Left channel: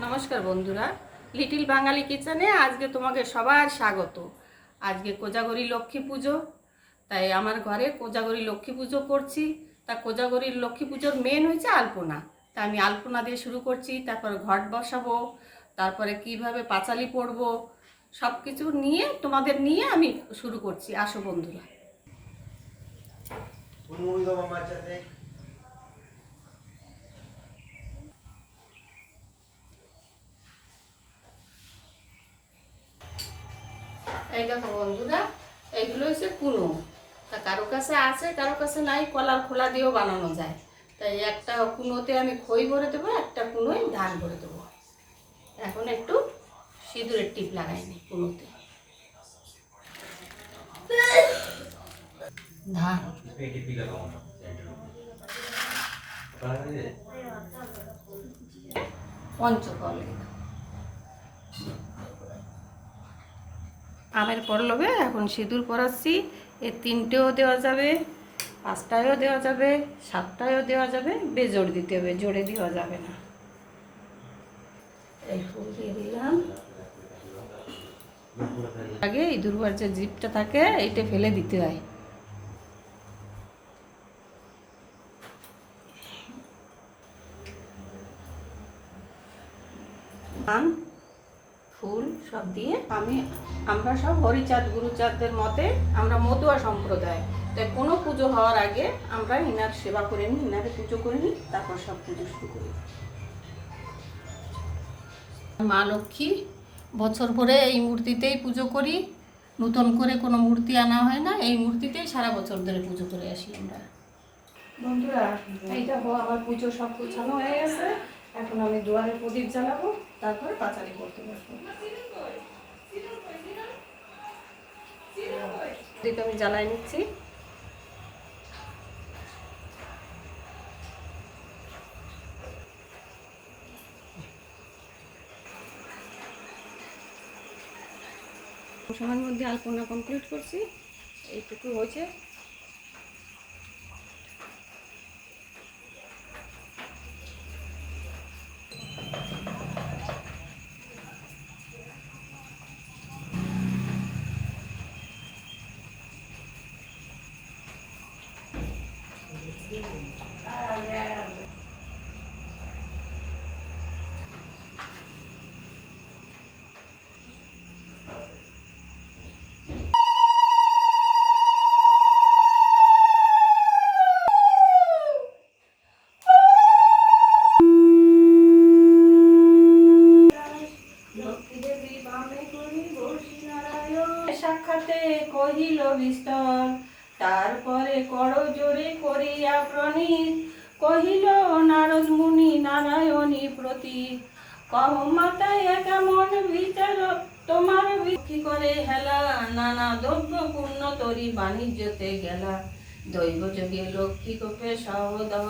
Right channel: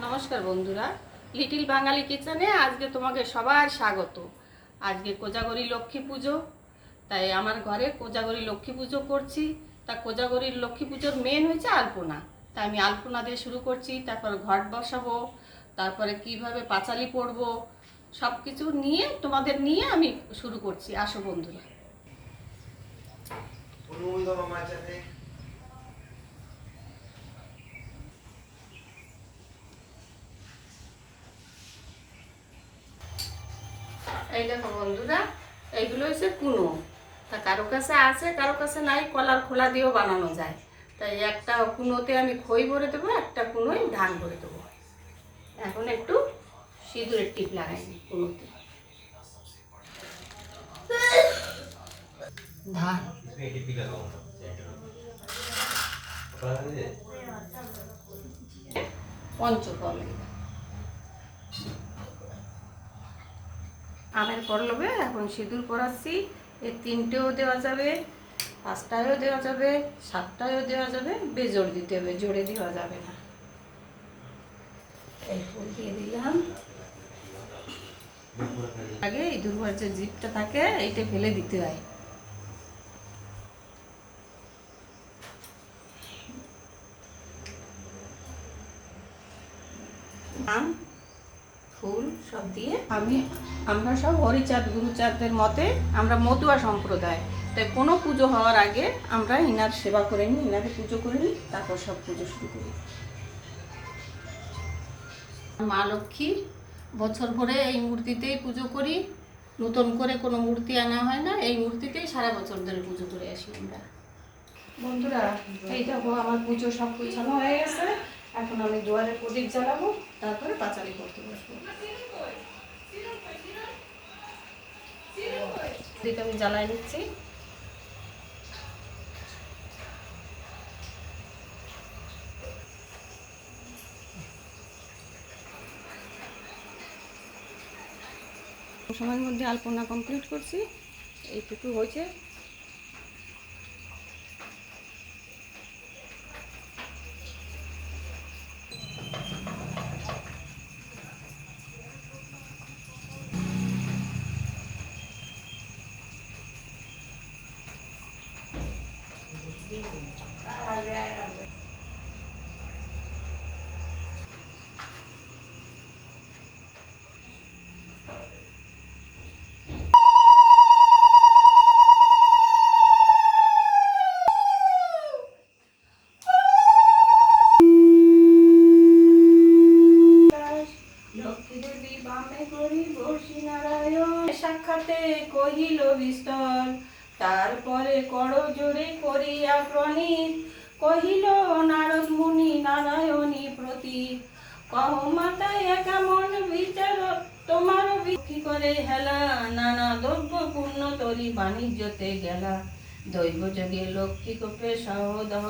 নমস্কার বন্ধুরা, লিটিল বাঙালি কিচেনে আজকে তোমাকে সবার স্বাগত। আজকে কোজাগরী লক্ষ্মী পুজো, তাই আমার ঘরে কোজাগরী লক্ষ্মী পুজো করছি। তা কোজাগরীর লক্ষ্মী পুজোর মেন হয়েছে আলপনা। তা আমি আলপনা দিয়ে শুরু করছি, তারপর ঘট বসাবো, তারপরে কিভাবে পাঁচালি পরবো, সব কিছু নিয়ে তোমাদের নিয়ে আমি শুরু করছি। আসো বন্ধুরা। এই দেখো বন্ধুরা, এইগুলো হচ্ছে কুনো। তা কারো কাছে আছে, কারো কাছে নাই, কলার খোলা দিয়েও বানানো যায়। তাই একটা কুনোতে আমি খই ভরে দেবো, একটা কুনোয় ধান ভরে দেবো। এখন একটু সিঁদুরের টিপ লাগাইনি কুনোতে। ধান পঞ্চফল, আমের পল্লবে এখন সিঁদুর পরাচ্ছি। এর 3টেও দেওয়া যাবে, 5টায়ও দেওয়া যাবে, 7টায়ও দেওয়া যাবে। বেজোড় দিতে হবে, জোরে দেওয়া যাবে না। এই ফুল দিয়ে দিলাম। আগে এই দুর্বার যে জিপটা থাকে এইটা ফেলে দিতে হয়। ফুল সব দিয়ে আমরা সব হরিচাঁদ গুরুচাঁদের মতে আমরা মতুয়া সম্প্রদায়। তাই কোনো পুজো হওয়ার আগে আমরা ইনার সেবা করে নিই, ইনারে পুজো করে নিই, তারপর সব পুজো শুরু করি। মা লক্ষ্মী বছর ভরে এই মূর্তিতেই পুজো করি, নতুন করে কোনো মূর্তি আনা হয় না। এই মূর্তিতেই সারা বছর ধরে পুজো করে আসি আমরা। বন্ধুরা, এই দেখো আমার পুজো সব গুছানো হয়ে গেছে। এখন আমি দুয়ারে প্রদীপ জ্বালাবো, তারপরে পাঁচালি করতে বসবো। প্রদীপ আমি জ্বালাই নিচ্ছি। সময়ের মধ্যে আলপনা কমপ্লিট করছি, এইটুকু হয়েছে। সাক্ষাতে কহিল বিস্তর, তারপরে করজোরে করিয়া প্রণীত কহিল নারদ মুনি নারায়ণী প্রতি, কহ মাতায় কেমন বিচার তোমার বিক্রি করে হেলা, নানা দ্রব্য পূর্ণ তরি বাণিজ্যতে গেলা, দৈব যোগে লক্ষ্মী কোপে সহদহ।